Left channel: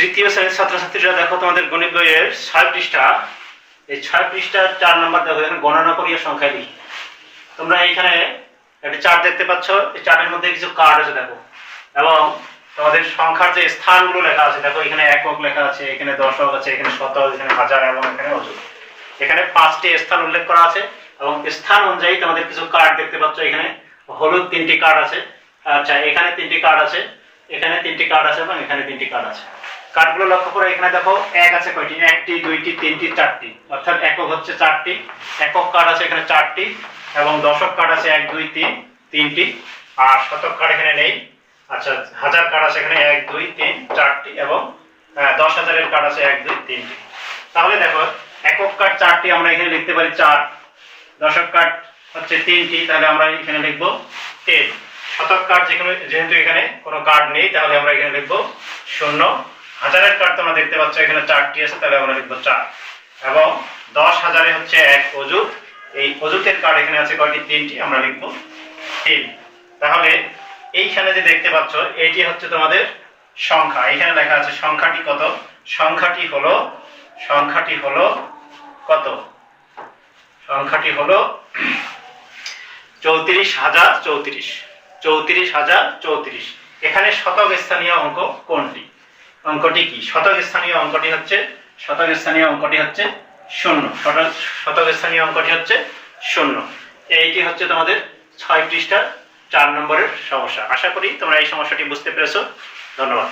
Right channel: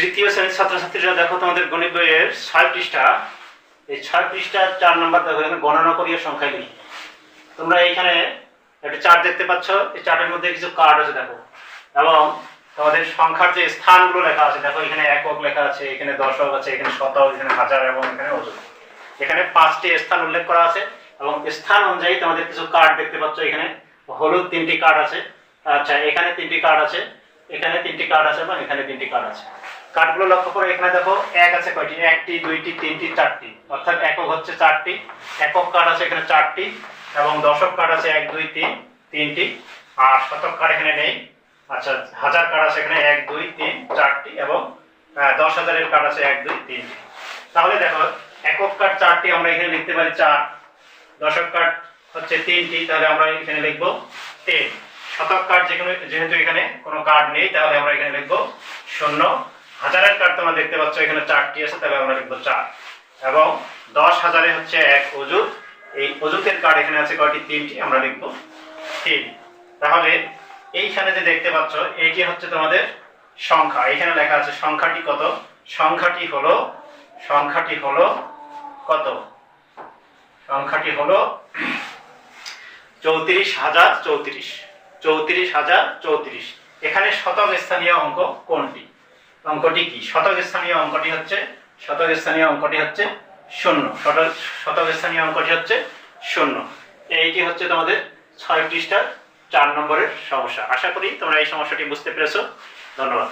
তৃতীয় শ্রেণির ছাত্রছাত্রীরা দেখো তোমাদের গণিত বইয়ের ছয় পৃষ্ঠা। এই ছয় পৃষ্ঠার চার নম্বর দেখো, এখানে গণনা করিয়ে সংখ্যায় লিখি। তোমরা এইখানে একটা চার্ট দেখতে পাচ্ছ, এই চার্টের মধ্যে কিছু কার্ড আছে দেখো। এবং তোমাদের সংখ্যার যে স্থানগুলো লেখা আছে, দেখো এখানে একক লেখা আছে, এখানে দশক আছে, এখানে শতক, এখানে হাজার এবং এখানে অযুত এখানে পাঁচটি স্থান উল্লেখ করা আছে এবং স্থান অনুযায়ী তোমাদের কিছু কার্ড দেখতে পাচ্ছ, এখানে হলুদ তিনটি কার্ড আছে আচ্ছা এখানে তিনটি কার্ড আছে, এখানে তিনটি কার্ড আছে এবং এখানে তিনটি কার্ড আছে। কার্ডগুলো লক্ষ্য করে এখানে দেখো এক আছে কয়টি? একটি, দুইটি, তিনটি, চারটি। অর্থাৎ একক হচ্ছে চারটি। একক কার্ড আছে এখানে চারটি এবং দশক কার্ড আছে এক, দুই, তিন, তিনটি। আর শতক কার্ড এখানে নেই। আচ্ছা হাজার কার্ড আছে এখানে এক, দুই, তিন, চারটি এবং দশ হাজারের কার্ড আছে এক, দুই, তিনটি। তাহলে দেখো, একক কার্ড চারটি আমরা এখানে লিখতে পারি চার। দশক কার্ড হচ্ছে তিনটি, তাহলে আমরা এখানে লিখব তিন শতক কার্ড যেখানে যেহেতু এখানে কোনো কার্ড নেই, তাহলে আমরা এখানে লিখব শূন্য। হাজারের কার্ড তোমরা দেখতে পাচ্ছ, এখানে চারটি আছে, তাহলে আমরা লিখব চার। এবং দশ হাজারে হচ্ছে এক অজুত এই অজুতের কার্ড এখানে আছে কয়টি? তিনটি, আমরা লিখব তিন। তাহলে এইখানে যে দেখতে পাচ্ছ এইটি হচ্ছে তোমাদের সংখ্যা। এখানে লেখা আছে সংখ্যাটি কত? সংখ্যাটি হলো সংখ্যাটি হলো কত? সংখ্যাটি হলো চৌত্রিশ হাজার চৌত্রিশ। চৌত্রিশ হাজার চৌত্রিশ। এখানে শতক স্থানীয় অঙ্ক কোনটি? অঙ্কটি কি? শতক স্থানীয় অঙ্কটি হচ্ছে, শতক স্থানীয় অঙ্কটি হচ্ছে শূন্য। শতক শতক স্থানীয় অঙ্কটি হচ্ছে শূন্য। এইটি হচ্ছে তোমাদের ছয় পৃষ্ঠার চার নম্বরের সমস্যা। আশা করি তোমরা এই সমস্যাটি বুঝতে পেরেছ। ধন্যবাদ।